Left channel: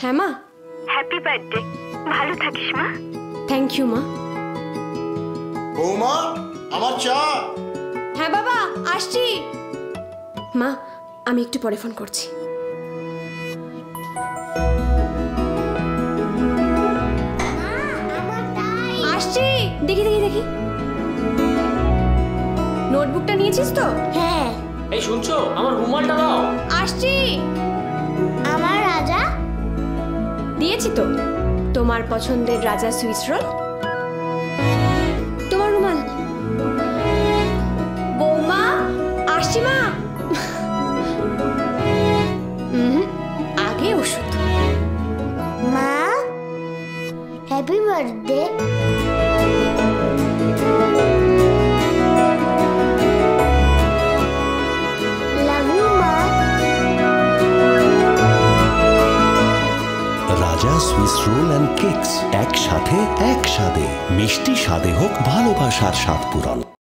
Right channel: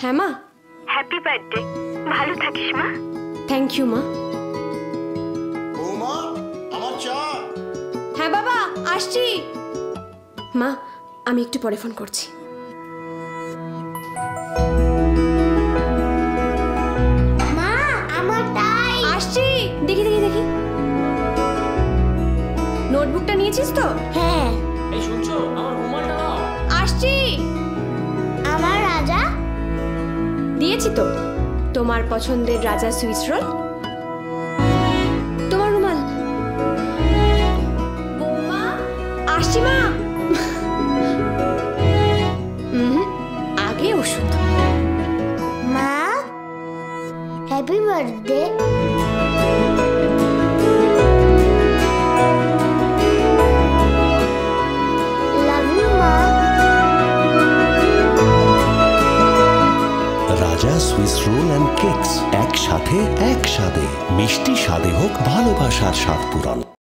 হ্যাঁ মা। Happy birthday, ভালো থাকিস মা। থ্যাংক ইউ মা। বৌমা, আমার চা। হ্যাঁ বাবা, আসছি। মা, আমি একটু পরে ফোন করছি। মা, আমার টাই। আসছি। দেখি দেখি দেখি, নোটবুকটা নিয়েছিস তো? হ্যাঁ। এই শুনছো, আমার রুমালটা দাও। আসছি। আমার রাজা দিয়েছি তো, তোমার পছন্দের রাজা সুইস রোল। তোমার রুমাল। বৌমা, আসছি মা। আগে ওষুধ। মা, হ্যাপি বার্থডে। লাভ ইউ মা। রাজা সুইস রোল অ্যান্ড কেকস, একসাথে এক স্বাদে, মিষ্টি স্বাদে হোক ভালোবাসার স্বাদ পূরণ।